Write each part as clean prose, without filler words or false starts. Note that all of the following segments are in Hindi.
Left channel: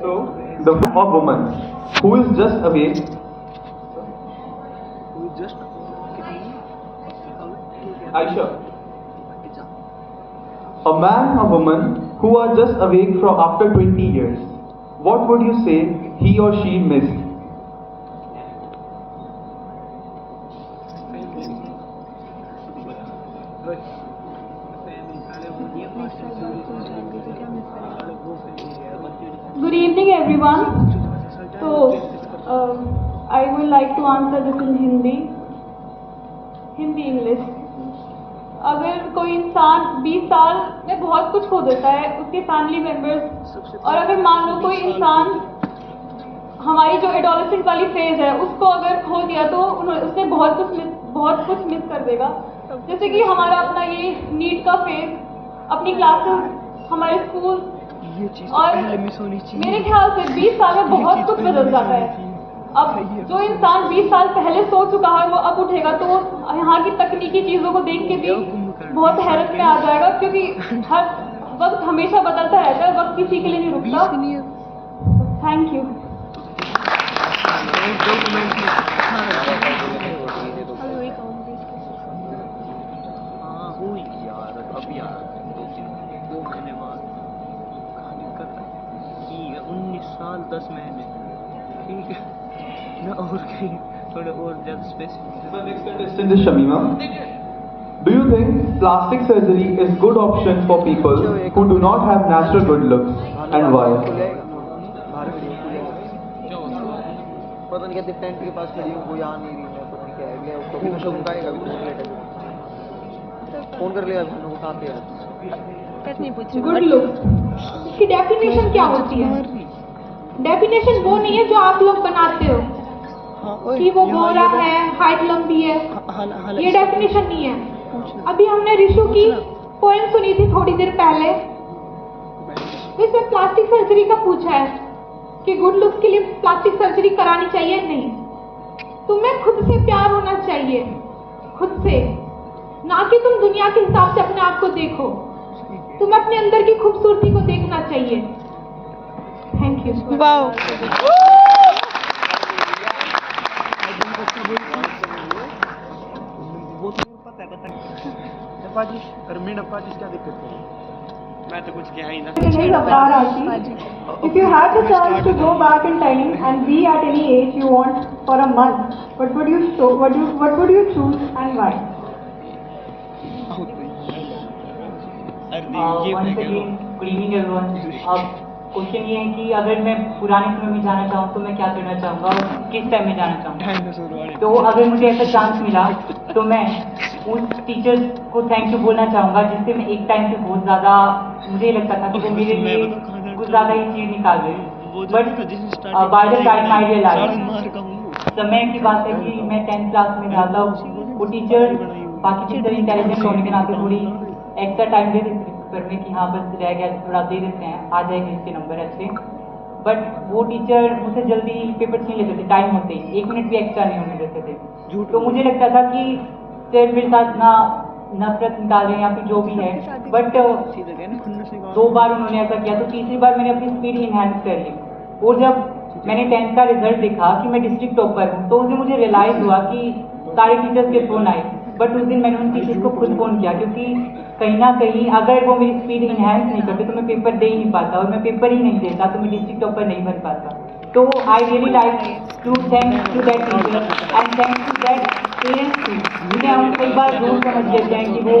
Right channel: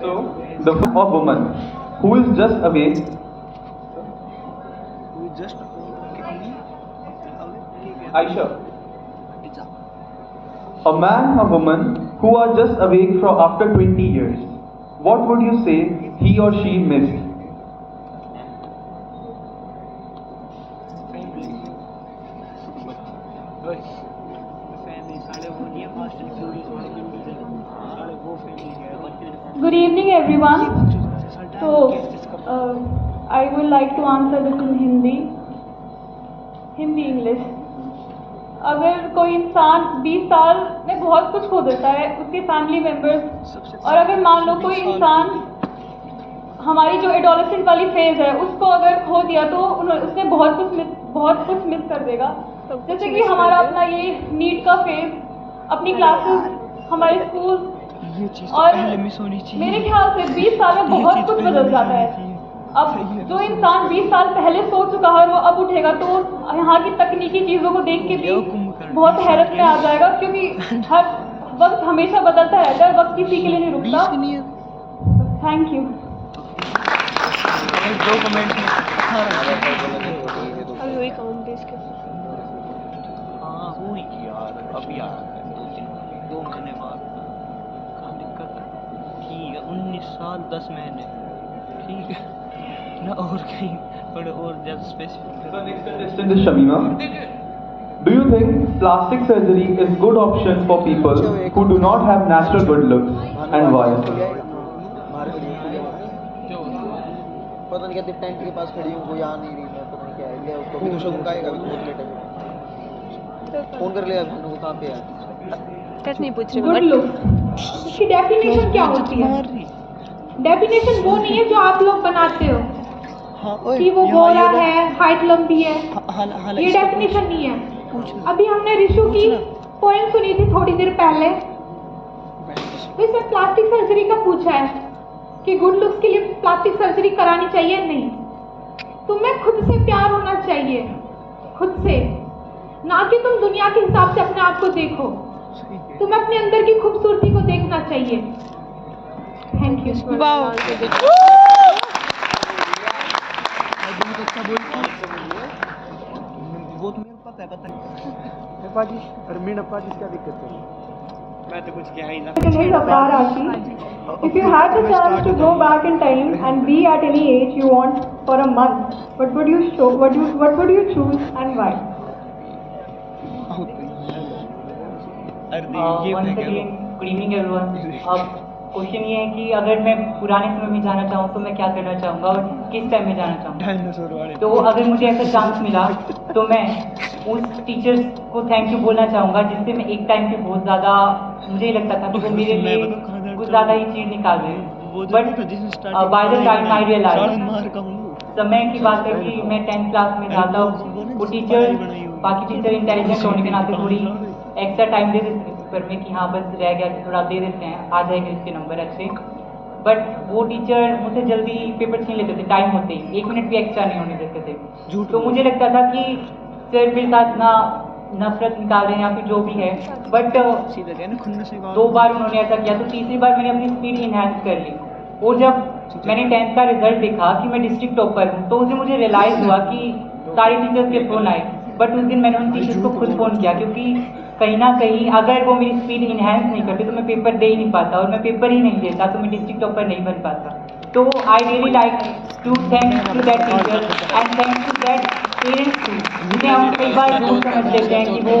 So, the or woman who is just away, Aisha, a man or woman who are just awake from after 20 years, what would you say he or she missed? Good evening, everyone. So, I would like to answer this in Hindi English. अगर कोई इंसान 20 साल में बहुत कुछ खो देता है, उसके फैमिली मेम्बर्स, और अगर मान लो कोई इंसान हमारी जो एडोलेसेंट वाली फेज है उसको अगर खो दिया तो उसने बहुत कुछ मिस कर देगा। जैसे कि हमारा अपना ये नीट का फेज, अपनी क्लासेस, हमारे स्कूल, और मेरे ख्याल से 20 साल में बहुत कुछ बदल जाता है। अब जो इंसान 20 साल पहले सो चुका है वो अब उठेगा तो यहाँ की तकनीकी चीज़ों को देख के भी बहुत हैरत में आ जाएगा, क्योंकि हर वक्त हमेशा बदलता रहता है, वक्त किसी के लिए नहीं रुकता। Thank you. साल 10 महीने, ठीक है ना, और कहीं थोड़े और ज़्यादा specific. The next contestant is Shamima. Do you think plastic surgery is good option for people who do not have natural good looks, and why? पता नहीं कहते टेंट के पास खड़ी हूँ, कोई आ नहीं रही, मैं पता नहीं क्या है गया उसको भी। तो शगुन का आएगा, बहुत लेट है, फोन कर लेगा भानु को, कहाँ पे है। गुड लुक की डेफिनेशन क्या होती है? डेफिनेशन वो नहीं है जो आप लोग बनाते हो कि वो गोरा है, हाइट लंबी है, ये डेफिनेशन नहीं है। अभी हमने ऋषु की पोएम सुनी थी थोड़ी देर पहले, इसमें प्लास्टिक सर्जरी का पूछा है कि गुड लुक्स के लिए प्लास्टिक सर्जरी करानी चाहिए। नहीं, तुम्हें खुद से प्यार होना चाहिए, खुद से, ना कि तुम दुनिया के हिसाब से अपने आप को देखो। तुम्हें अपने अंदर की खूबसूरती को देखना चाहिए। Thank you. वाओ, क्या दिक्कत है? मैं तो कुछ क्या ही ना। If you had the chance to go back in time and be at any age you want for a month, what would you choose and why? Good evening everyone. अब क्वेश्चन ये है कि अगर मैं पुराने समय में जाना चाहूँ तो मैं क्या करना चाहूँगा और किस टाइम में जाना चाहूँगा। तो अगर मुझे ऐसा चांस मिला तो मैं उस टीचर्स को थैंक यू बोलना चाहूँगा जिससे मैं एक टाइम पे बहुत ज़्यादा, मुझे लगता था कि वो मेरे लिए कुछ ज़्यादा ही चीज़ निकाल रहे। But by the time I realize, समय की बात है कि मैं 10th क्लास में था, तब वो टीचर, बाकी टीचर इंटेलिजेंट होने के नाते थोड़ी एक्स्ट्रा टाइम दे देते पेपर में कि हाँ बस रह गया, थोड़ा दे देते हैं, आ जाएंगे इसके नंबर अच्छे। बट वो टीचर मुझसे जल्दी पेपर छीन लेते थे, टाइम होते ही 1 मिनट भी एक्स्ट्रा नहीं होने देते थे। तो मुझे लगता था कि सर मेरे साथ ना नफरत निकाल रहे हैं या फिर जो भी है। बट 2 बार उन्होंने ऐसा किया, तो तीसरी बार मैंने अपनी स्पीड इन्हेंस कर ली। और जब मैंने 10th का रिजल्ट देखा कि मैं डिस्ट्रिक्ट टॉपर हूँ, तो उससे मुझे रियलाइज़ हुआ कि सारे टीचर्स के फ़ोन आए, बट उस दिन मैंने उन टीचर्स को खुद फ़ोन किया, क्योंकि कहीं ना कहीं अगर वो मेरी स्पीड इन्हेंस नहीं करते तो मैं पेपर दे ही नहीं पाता, और मैं पेपर ही नहीं देता तो मैं डिस्ट्रिक्ट टॉपर नहीं बन पाता। तो I really like to thank to that teacher and thank to that parents too, जिन्हें हम कई बार जरूर समझ लेते हैं कि वो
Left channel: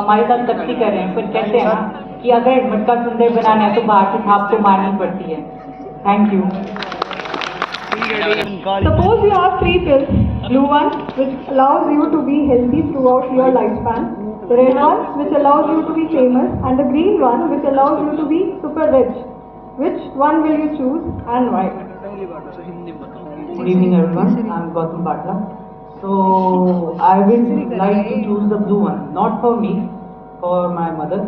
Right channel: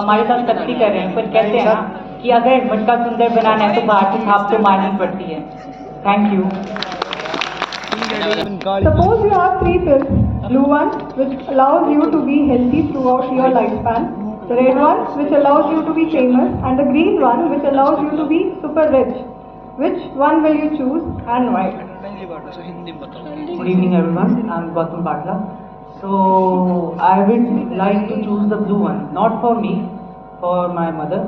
हमारे साथ सख्ती कर रहे हैं, पर कहते हैं ना कि अगर मटका सुंदर बनाना है तो बाहर से छाप तो मारनी पड़ती है। Thank you. Suppose you have 3 pills, blue one which allows you to be healthy throughout your lifespan, the red one which allows you to be famous, and the green one which allows you to be super rich. Which one will you choose and why? Good evening everyone, I'm Gautam Patla. So I would like to choose the blue one, not for me, for my mother,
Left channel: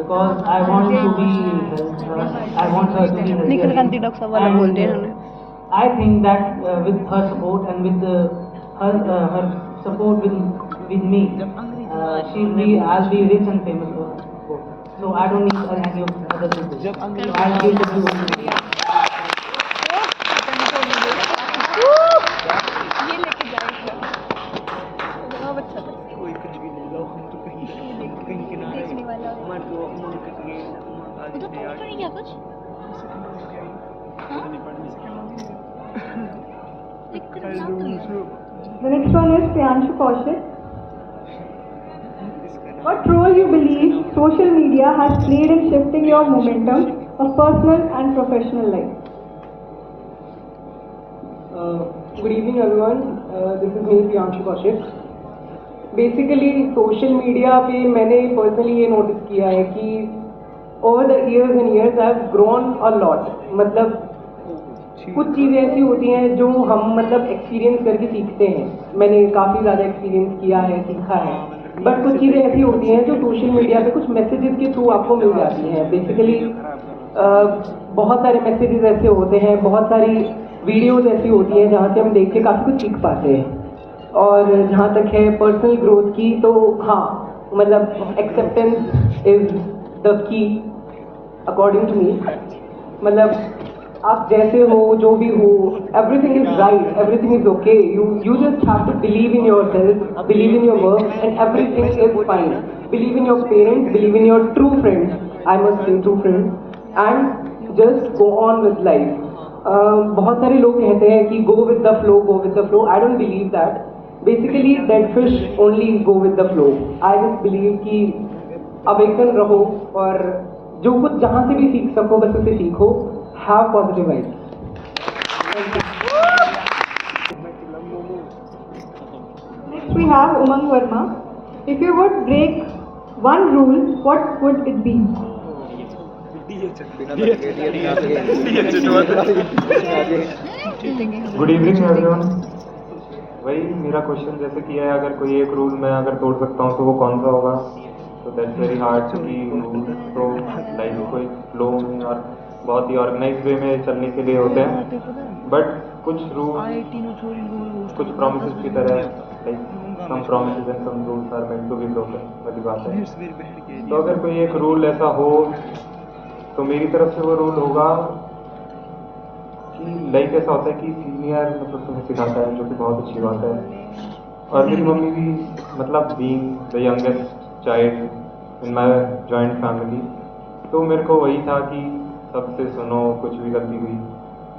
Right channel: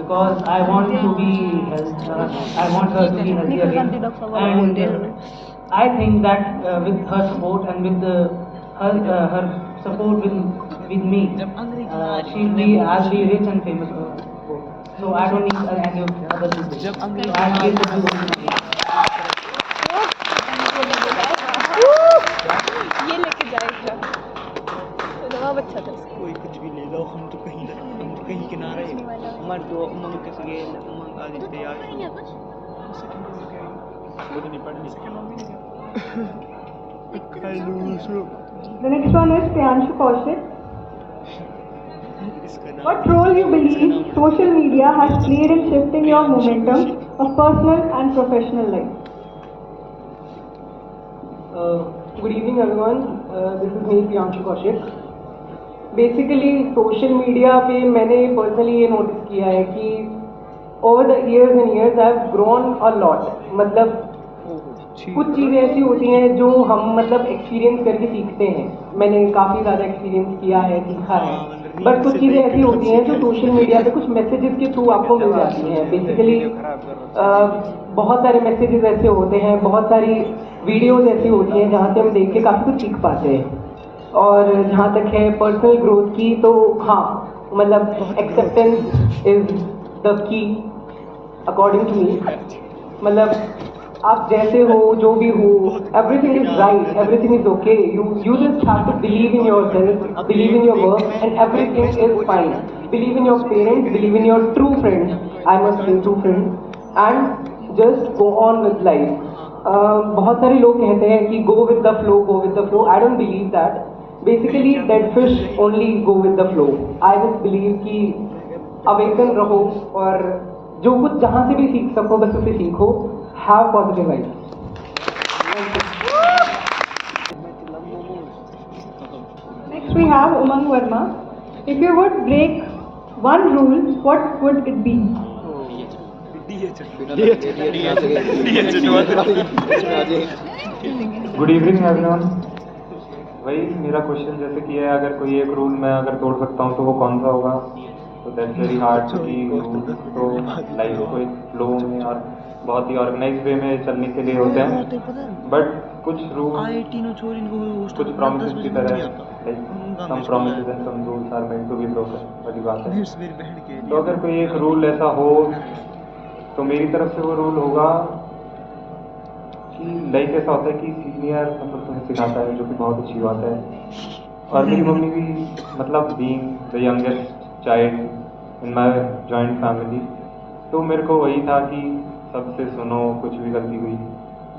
because I want to be I want her to be healthy. And I think that with her support and with her support with me, I'll be rich and famous. So I don't need any other people. So I'll give it to you. ये लेके जाएगा तो जवाब अच्छा था कोई कुछ भी ले लो, हम तो कहीं किनारे हमारे तो मुल्क के आदित्य यार The next one is Priyanshu Kaushik. What role you believe social media has played in shifting your momentum of personal and professional life? Good evening everyone, this is me Priyanshu Kaushik. Basically social media पे मैंने पर्सनली ये नोटिस किया है कि over the years and years I have grown a lot. मतलब कुछ चीज़ें ऐसी होती हैं जो हम मतलब एक्सपीरियंस करके सीखते हैं. मैंने काफ़ी ज़्यादा एक्सपीरियंस किया है, सीखा है. बट कुछ चीज़ें ऐसी होती हैं जो सोशल मीडिया पे कुछ मैसेजेस के थ्रू आपको मिल जाती हैं. बेसिकली बहुत सारे मैसेजेस ऐसे होते हैं, बहुत सारी वीडियोज़ ऐसी होती हैं जहाँ से हम देख के काफ़ी कुछ सीख पाते हैं. और जहाँ तक है पर्सनल ग्रोथ की, तो हाँ मतलब acceptance is the key according to me. मतलब आप जैसे हो, जो भी हो, everything is right, everything is okay. You just have to believe in your self, believe in your work and everything is fine. Believe in your parents, believe in your true friends, I must say true friends, and just go on with life. बहुत सारे लोग कहते हैं कि go with the flow, go with the flow. I don't believe that. Basically dead fish only go with the flow. I just believe कि अवेकन रहो और जो कुछ जहाँ से भी सीख सको बस उसे सीखो. Have positive vibes. Next we have Umang Verma. If you would break one rule, what would it be? Good evening everyone. वही मेरा क्वेश्चन जैसे कि है, अगर कोई एक रूल मैं अगर तोड़ सकता हूँ तो वो कौन सा होगा? तो दैट्स वेरी हार्ड कि रूल तो लाइफ को एक फ्लो में और बहुत ही ऑर्गेनाइज वे में चलने के लिए होते हैं. बट कुछ रूल, कुछ प्रॉमिसेस की तरह, like some promises and some rules are meant to be broken वाली बात है. तो अगर कोई एक रूल ऐसा हो तो मेरी तरफ से वो रूल होगा कि लाइक ऐसा होता है कि सीनियर मतलब तुम्हें सिखाता है, जो कि बहुत अच्छी बात है. और मेरी मम्मी भी मतलब being the youngest child in my joint family, तो मेरे को वही था कि सबसे सुनो, कुछ भी गलती हुई.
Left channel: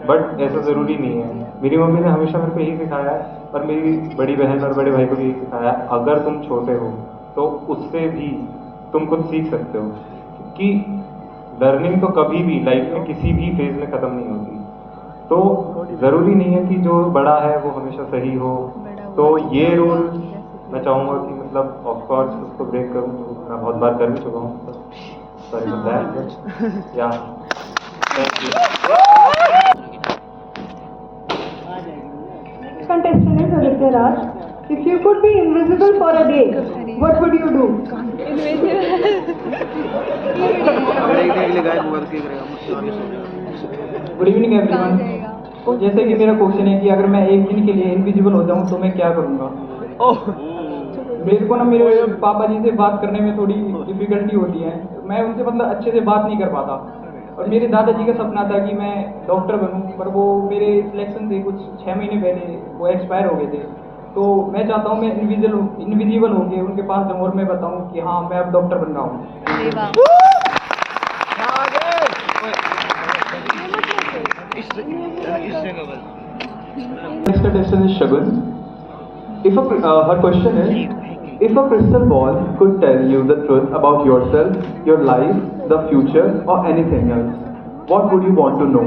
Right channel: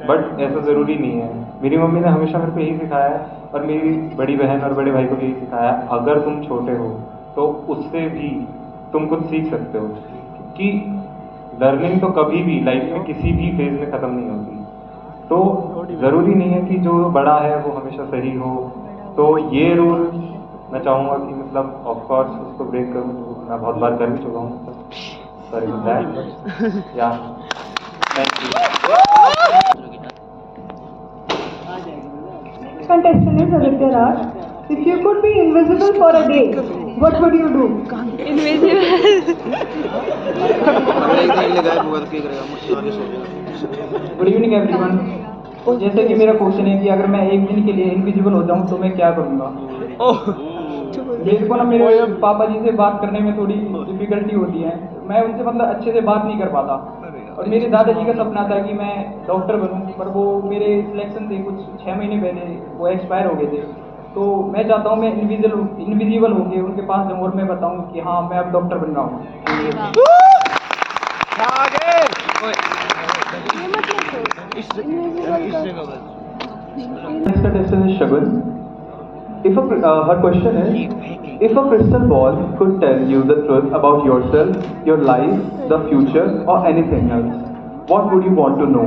बट ऐसा ज़रूरी नहीं है. मेरी मम्मी ने हमेशा मेरे को यही सिखाया है, और मेरी बड़ी बहन और बड़े भाई को भी यही सिखाया है, अगर तुम छोटे हो तो उससे भी तुम कुछ सीख सकते हो. कि लर्निंग तो कभी भी लाइफ में किसी भी फेज में ख़त्म नहीं होती. तो ज़रूरी नहीं है कि जो बड़ा है वो हमेशा सही हो. तो ये रूल मैं चाहूँगा कि मतलब ऑफकोर्स उसको ब्रेक करूँ, तो मैं बहुत बार कर भी चुका हूँ. Sorry for that. या thank you. Contestant is Aditya Raj. If you could be invisible for a day, what would you do? अगर एक दिन के लिए गायब होगा तो क्या करेगा? मुझसे आगे सो जाएगा. Good evening everyone. तो जैसे कि मेरा क्वेश्चन है कि अगर मैं एक दिन के लिए इनविजिबल हो जाऊं तो मैं क्या करूंगा? मेरे को ना मेरे पापा जी से बात करने में थोड़ी डिफिकल्टी होती है. मैं उनसे मतलब अच्छे से बात नहीं कर पाता. और मेरे दादाजी का सपना था कि मैं डॉक्टर बनूं, पर वो मेरे सिलेक्शन थे कुछ 6 महीने पहले, वो एक्सपायर हो गए थे. तो मैं चाहता हूँ मैं इनविजिबल होके उनके पास जाऊँ और मैं बताऊँ कि हाँ मैं अब डॉक्टर बन रहा हूँ. Next contestant is Shagun. Her question is, if a crystal ball could tell you the truth about yourself, your life, the future, or anything else, what would you want to know?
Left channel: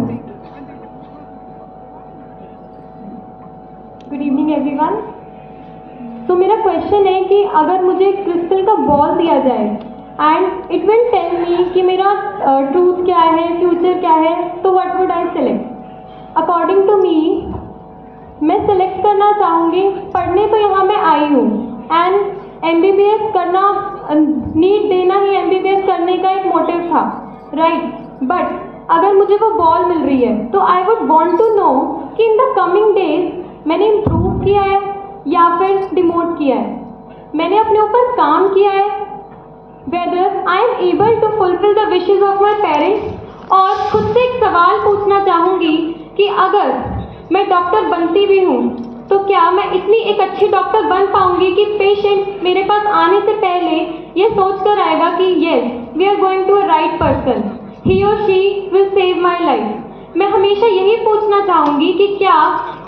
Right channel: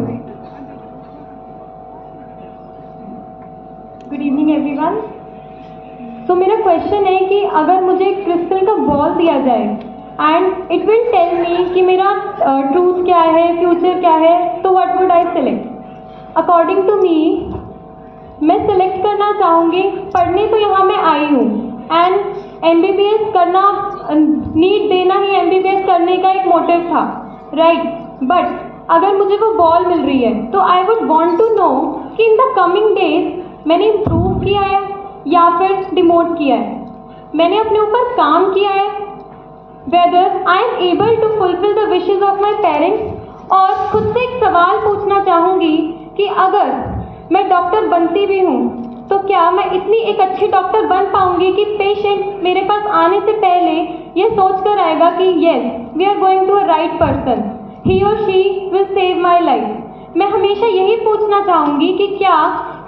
Good evening everyone. तो मेरा क्वेश्चन है कि अगर मुझे क्रिस्टल का बॉल दिया जाए and it will tell me कि मेरा ट्रूथ क्या है, फ्यूचर क्या है, तो what would I select? According to me मैं सेलेक्ट करना चाहूँगी, पढ़ने तो यहाँ मैं आई हूँ एंड MBBS करना, नीट देना ही MBBS करने का एक मोटिव था, राइट. बट अगर मुझे वो बॉल मिल रही है तो I would want to know कि इन द कमिंग डेज मैंने इम्प्रूव किया है या फिर डिमोट किया है, मैंने अपने ऊपर काम किया है whether I am able to fulfill the wishes of my parents. और खुद से एक सवाल पूछना चाहूँगी कि अगर मैं डॉक्टर बनती भी हूँ तो क्या मैं इतनी एक अच्छी डॉक्टर बन पाऊँगी कि पेशेंट मेरे पास आने से पहले ये सोच कर आएगा कि yes we are going to a right person, he और she will save my life. मैं हमेशा यही पूछना चाहूँगी कि क्या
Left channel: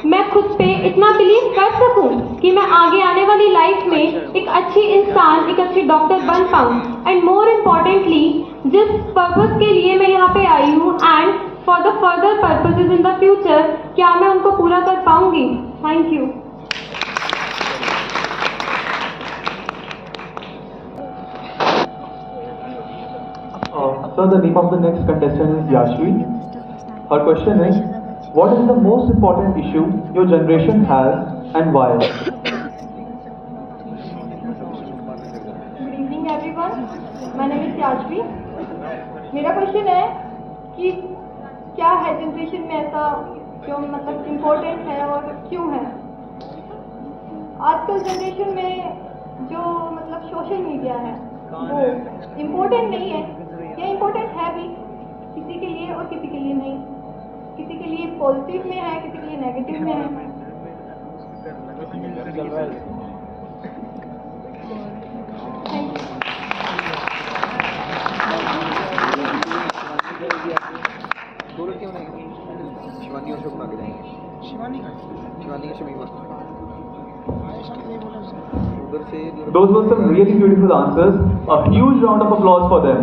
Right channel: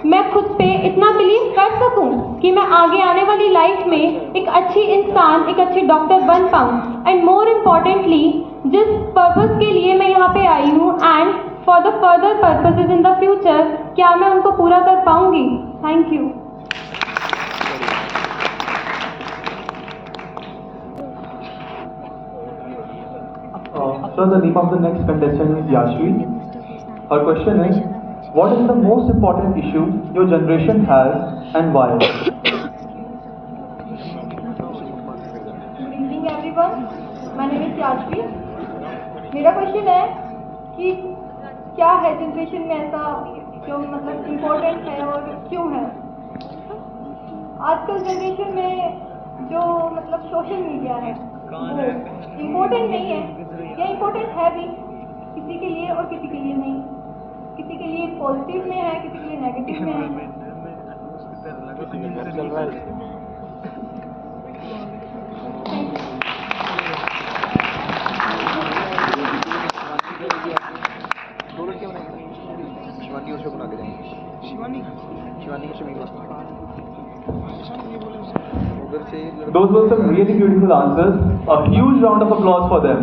मैं खुद पे इतना बिलीव कर सकूँ कि मैं आगे आने वाली लाइफ में एक अच्छी इंसान, एक अच्छी डॉक्टर बन पाऊँ। एंड मोर इम्पॉर्टेंटली जिस पर्पस के लिए मैं यहाँ पे आई हूँ and for the further purposes in the future, क्या मैं उनको पूरा कर पाऊँगी? Thank you. So the name of the next contestant is Yashvi. Her question is, what is the most important issue your generation has and why? Good evening everyone. My name is Yashvi. मेरा क्वेश्चन है कि क्या है जनरेशन में ऐसा जो मतलब इम्पोर्टेंट है और क्यों है? आजकल जनरेशन में जो मतलब सोशल मीडिया है वो इम्पोर्टेंट नहीं है या इम्पोर्टेंट है भी, किसी के लिए और किसी के लिए नहीं। किसी के लिए पॉजिटिव में है, किसी के लिए नेगेटिव में है। दो लड़कियां बनाएंगे, शिवानी और शगुन आगे जाएंगे। शिवानी का शमीमा उधर से। Those were some really beautiful answers. A huge round of applause for them.